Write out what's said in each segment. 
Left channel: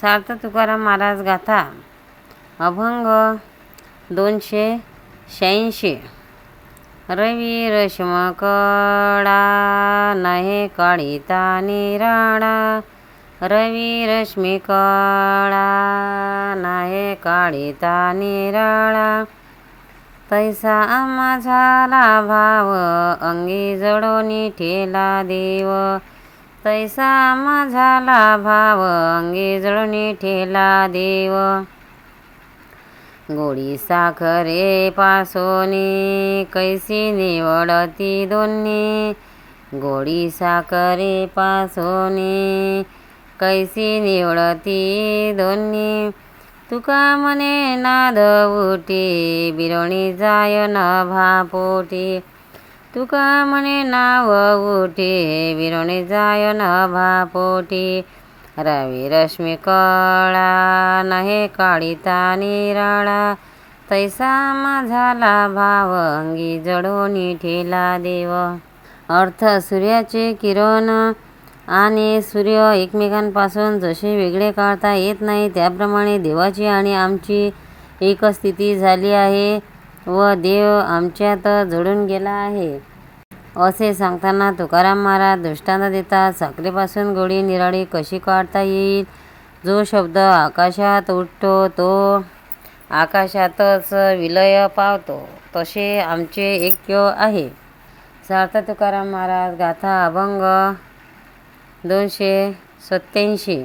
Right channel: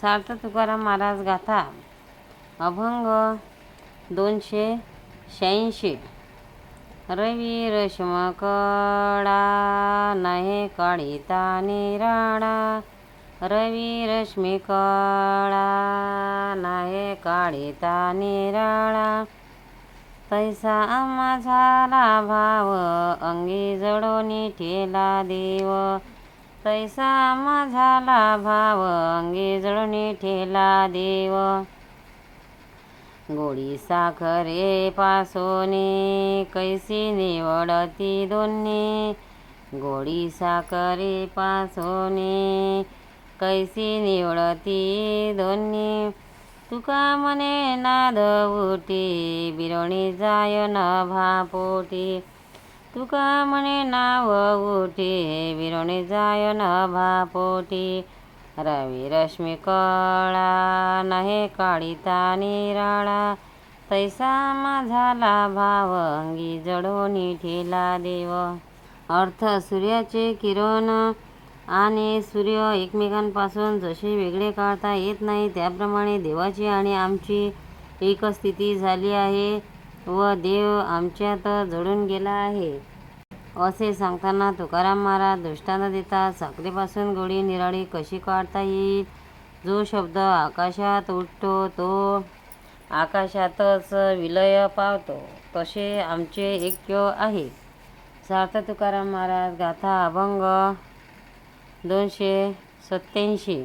सार्थ तुकाराम महाराज गाथा अभंग दोनशे शहाऐंशी. रवी रश्म कडा नहे काळीता निराळा. रवी रश्मी कळा नहे काळीता निराळा. तैसा माझाला भाव अंगी जडोनी ठेला देव. तैसा माझाला भाव अंगी जळणी ठेला देव. गोडी साखरे पासोनी कैसी निवडती दोन्ही. गोडी साखरे पासोनी कैसी निवडती दोन्ही. तुका म्हणे नाद उटी बिरणी जाय न भापोटी. तुका म्हणे नाव उठे विरोणी जाय न भापोटी. रवी रश्मी कळा नहे काळीता निराळा. तैसा माझाला भाव अंगी जडोनी ठेला देव. अर्थ सूर्याचे किरण आणि सूर्य एकमेकांपासून जसे वेगळे काढता येत नाही त्याप्रमाणे देवाची आणि आमची एक स्थिती झाली आहे. व देव आमच्यात जुळून गेला आहे. असे सांगताना तुकाराम महाराज दृष्टांत देतात साखरेपासून गोळी निराळी कशी काढता येईल? जो शब्द आकाशात उठतो तो आकाशातच विलय पावतो तसे आमचे ऐक्य आहे. सार्थ तुकाराम महाराज गाथा अभंग दोनशे सत्याऐंशी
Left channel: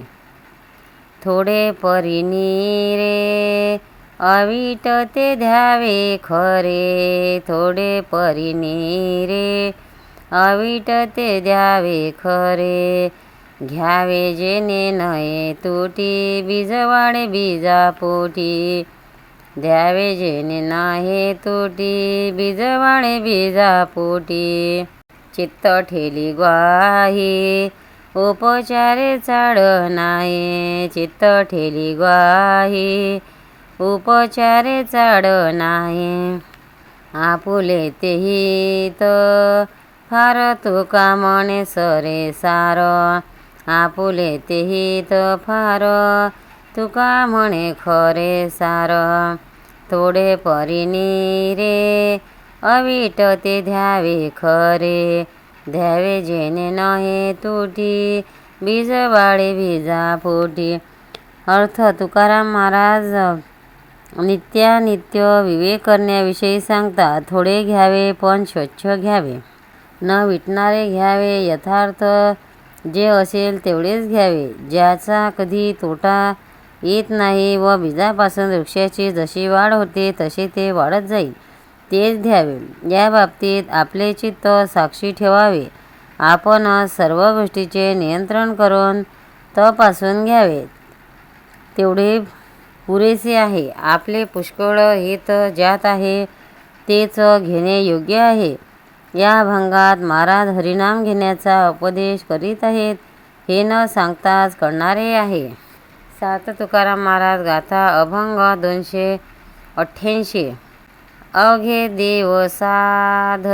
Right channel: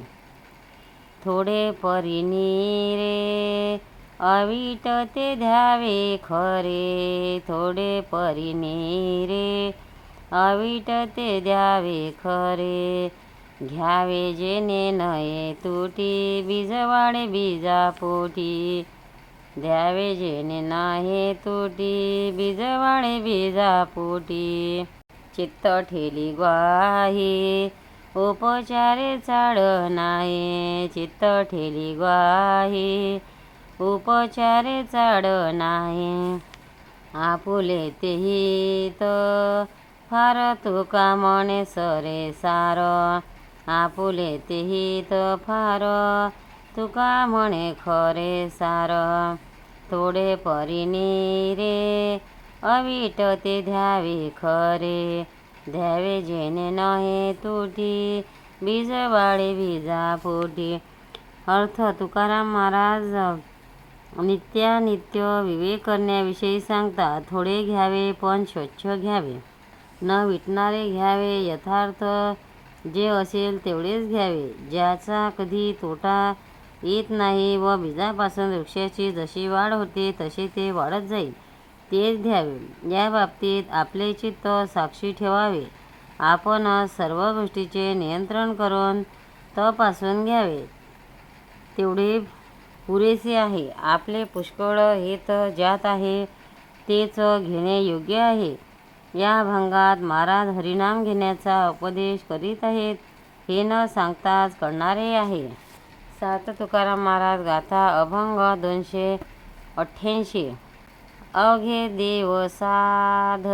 थोडे परिणी रे अवीट ते द्यावे खरे थोडे परिने रे अवीट ते द्यावे खरे घ्यावे जेने नये तुटी बीजवाडे बीजा पोटी द्यावे जेने नाही तुटी बीजवाडे बीजा पोटी चित्त ठेली ग्वाही उपचारे चाड नाही चित्त ठेली ग्वाही उपचारे चाड नाही. आपुले तर फार तुका म्हणे सरे सार. आपुले तेही तर फार तुका म्हणे खरे सार. थोडे परिनी रे अवीट ते द्यावे खरे. द्यावे जेने नहे तुटी बीजवाडे बीजा पोटी अर्थ तुकाराम महाराज नित्यानित्य विवेक करण्याविषयी सांगतात थोडे घ्यावे पण स्वच्छ घ्यावे. न विटणारे घ्यावे यथार्थ जे असेल तेवढेच घ्यावे. ज्याचा कधी तोटा येत नाही व बीजापासून वृक्षाची जशी वाढ होते तसे ते वाढत जाईल. तेच घ्यावे. या बाबतीत आपले चित्त साक्षी ठेवावे. आपण सर्व गोष्टीचे नियंत्रण करून तपासून घ्यावे. तेवढे पुरेसे आहे. आपले पुष्कळ हित ज्यात आहे तेच घेणे योग्य आहे. या भंगात महाराज हरिनाम घेण्याचा उपदेश करीत आहेत हे न सांगताच करणारे आहे. सात तुकाराम महाराज गाथा अभंग दोनशे अठ्ठ्याऐंशी. अघे देव साध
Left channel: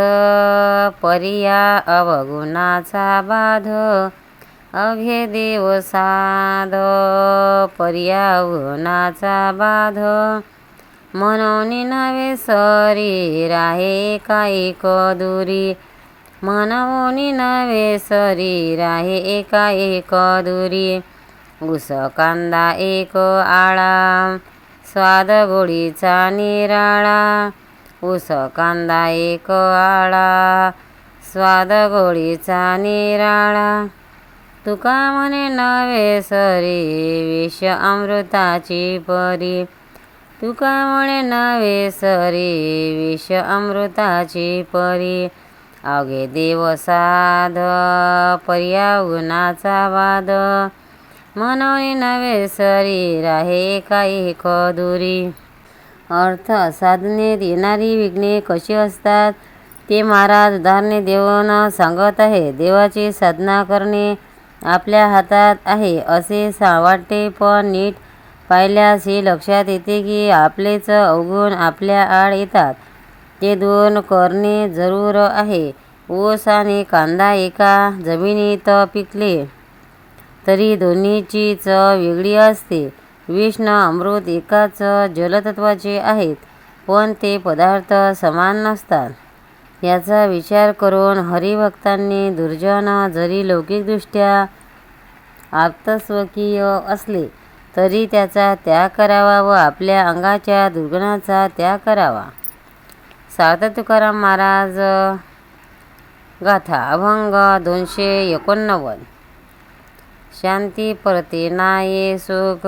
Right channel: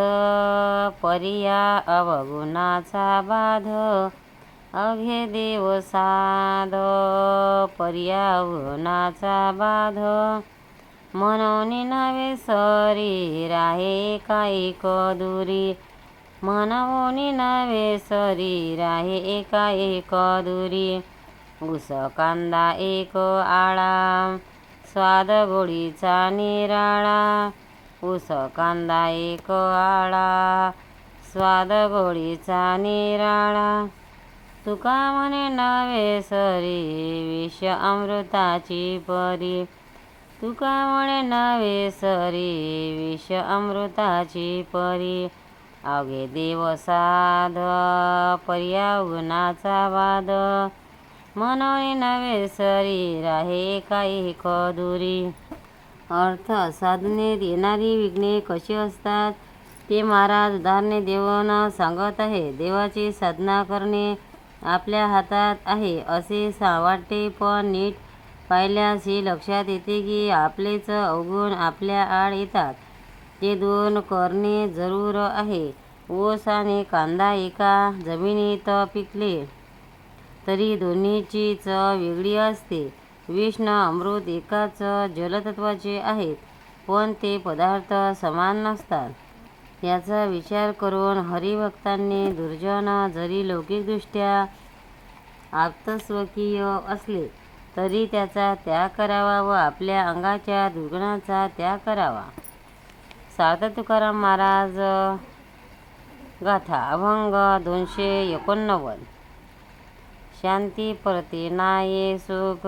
परिया अवगुणाचा बाध. अघे देव साध परिया अवगुणाचा बाध। म्हणून नवे शरीर आहे एक दुरी। म्हणून नवे शरीर आहे एका एक दुरी। ऊस कांदा एक आळा स्वाद गोडीचा निराळा। ऊस कांदा एक आळा स्वाद गोडीचा निराळा। तुका म्हणे नवे सरी विष अमृताची परी. तुका म्हणे नवे सरी विष अमृताची परी. अवघे देव साध पर्या गुणाचा वाद. म्हणून नवे सरी राहे काही खदुरी अर्थ साधने येणारी विघ्ने कशी असतात? ते महाराज उदाहरणे देऊन सांगत आहे देवाची साधना करणे आपल्या हातात आहे असे सा वाटते. पण नीट पाहिल्यास हे लक्षात येते की आपलेच अवगुण आपल्या आड येतात. ते दोन करणे जरूर आहे. ऊस आणि कांदा एका जमिनीत पिकले तरी दोन्हीची चव वेगळी असते. विष्ण अमृत एकाच जलतत्वाचे आहेत पण ते पदार्थ समान नसतात. याचा विचार करून हरिभक्तांनी दुर्जन जरी लौकिकदृष्ट्या आप्तस्वकीय असले तरी त्याचा त्याग करावा व आपल्या अंगाच्या दुर्गुणाचा त्याग करावा. सार्थ तुकाराम महाराज गाथा अभंग दोनशे एकोणनव्वद. शांती परते नाये सुख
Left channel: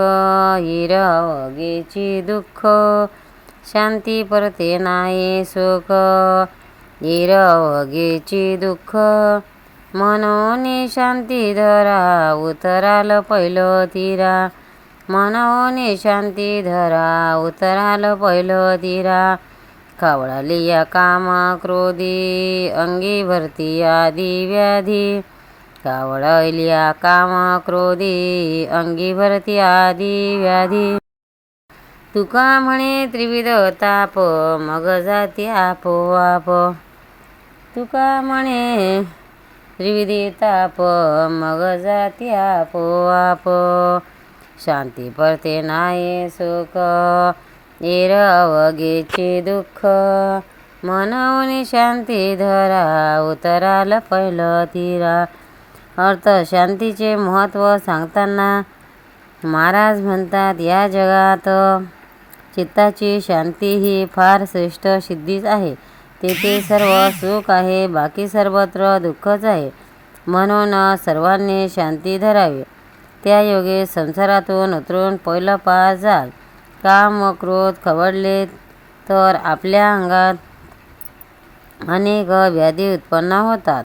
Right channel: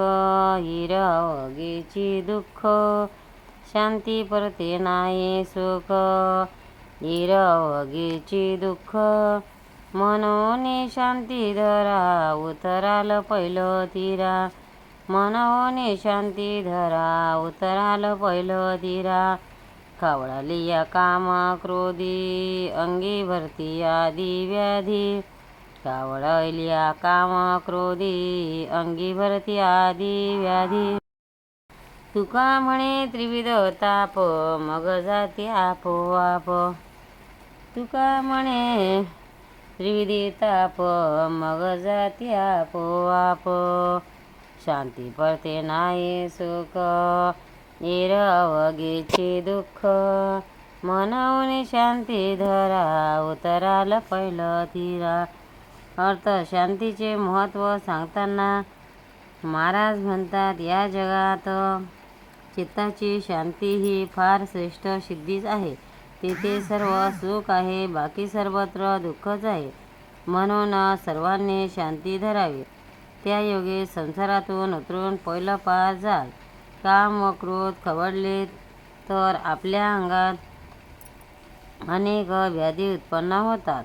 हिरवगेची दुःख. शांती परते नाये सुख निरवगेची दुःख. मनोने शांती धरा उतराल पहिलं तिरा. मनोने शांती धरा उतराल पहिलं तिरा. कावळाली या कामा क्रोधी अंगी भरती आदी व्याधी कावळलिया कामा क्रोधी अंगी भरती आदी व्याधी तुका म्हणे त्रिविध ताप मग जाती आपोआप. तुका म्हणे त्रिविधी ताप मग जाती आपोआप. शांती परते नाही सुख एर दुःख. मनवनी शांती धरा उतराला पहिलं तीरा. अर्थ शांतीचे महत्त्व सांगताना महाराज म्हणतात या जगात चित्ताची शांती ही फार श्रेष्ठ सिद्धीच आहे. तेथे सर्व सुख आहे बाकी सर्वत्र दुःखच आहे. म्हणून सर्वांनी शांती धरावी. त्या योगे संसारातून उतरून पहिलं पार जाल. काम व क्रोध खवडले तर आपल्या अंगात अनेक व्याधी उत्पन्न होतात.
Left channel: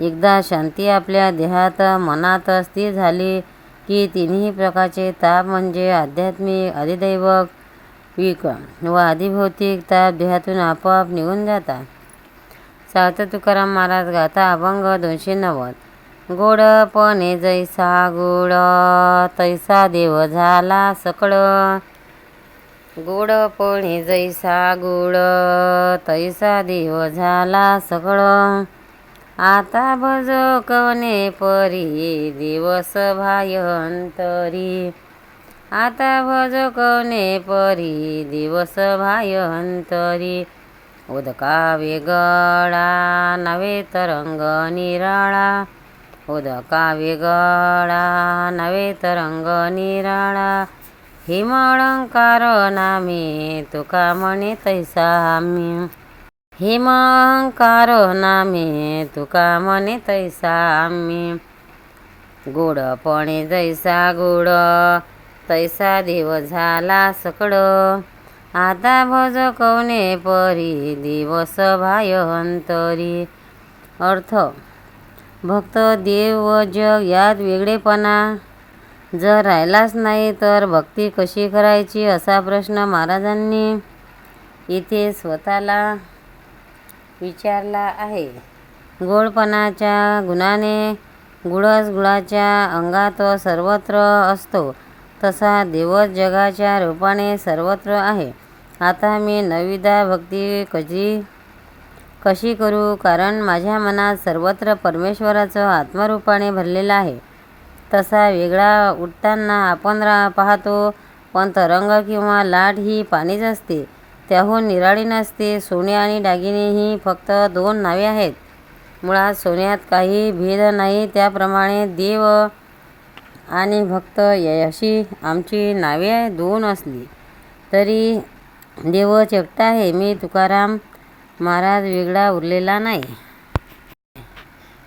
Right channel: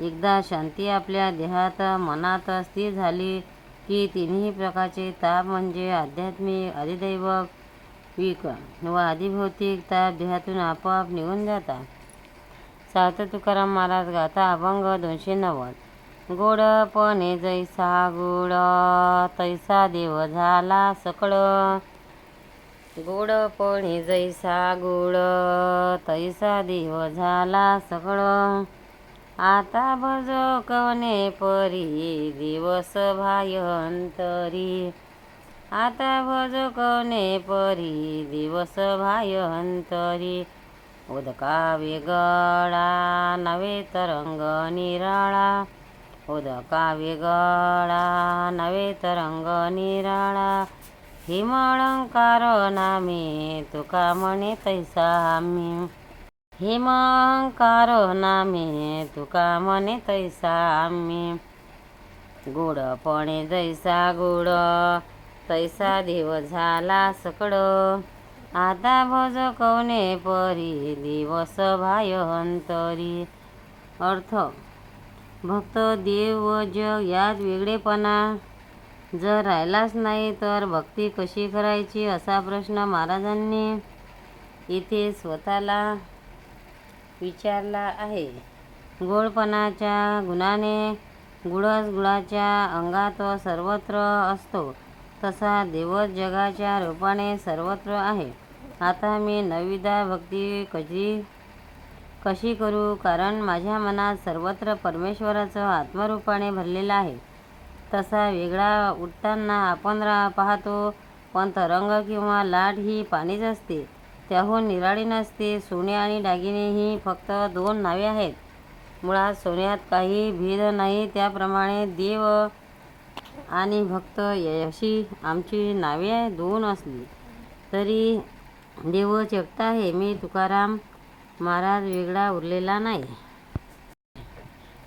एकदा शांती आपल्या देहात मनात स्थिर झाली की तिन्ही प्रकारचे ताप म्हणजे आध्यात्मिक अधिदैवक विक व आधिभौतिक ताप देहातून आपोआप निघून जातात. सात तुकाराम महाराज गाथा अभंग दोनशे नव्वद. गोडपणे जैसा गोड तैसा देव झाला सकळ. गोडपणे जैसा गोड तैसा देव झाला सकळ. आता भज कवने परी दिवस भायंतरी. आता भज कवने परी? दिवस भायंतरी। उदका वेगळा नवे तरंग निराळा। उदका वेगळा नवे तरंग निराळा। हिमळंकार नामे तुका म्हणे तैसा आम्ही हिमंकार नामे तुका म्हणे तैसा आम्ही गोडपणे जैसा गोड तैसा देव झाला सकड. आता भज कवने परी? दिवस भायंतरी. अर्थ भक्त देव व जग यात वेगळेपणा. जर राहिलाच नाही तर भक्ती कशी करायची असा प्रश्न महाराजांनी इथे स्वतःला विचारला आहे. गोडपणाच्या गुणाने गुळस गुळाच्या अंगात सर्वत्र असतो. तसा देवच जगाच्या रूपाने सर्वत्र आहे. आता मी नविदा भक्ती कशी कशी करू? कारण माझ्या मनात सर्वत्र परमेश्वराचं आत्मरूपाने भरलेलं आहे. तसा वेगळा उठताना आपण रा पाहतो पण तरंग किंवा लाट ही पाणीच असते. त्याहून निराळी नसते. सोने आणि दागिने ही फक्त दोन नावे आहेत. मुळात सोन्यात काही भेद नाही. त्याप्रमाणे देव आणि भक्त अशी आमची नावे दोन असली तरी देव चपटा आहे मी तुकाराम महाराज वेगळा उरलेला नाही.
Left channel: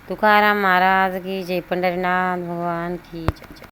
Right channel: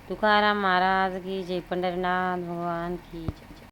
तुकाराम महाराज की जय पंढरीनाथ भगवान की जय जय.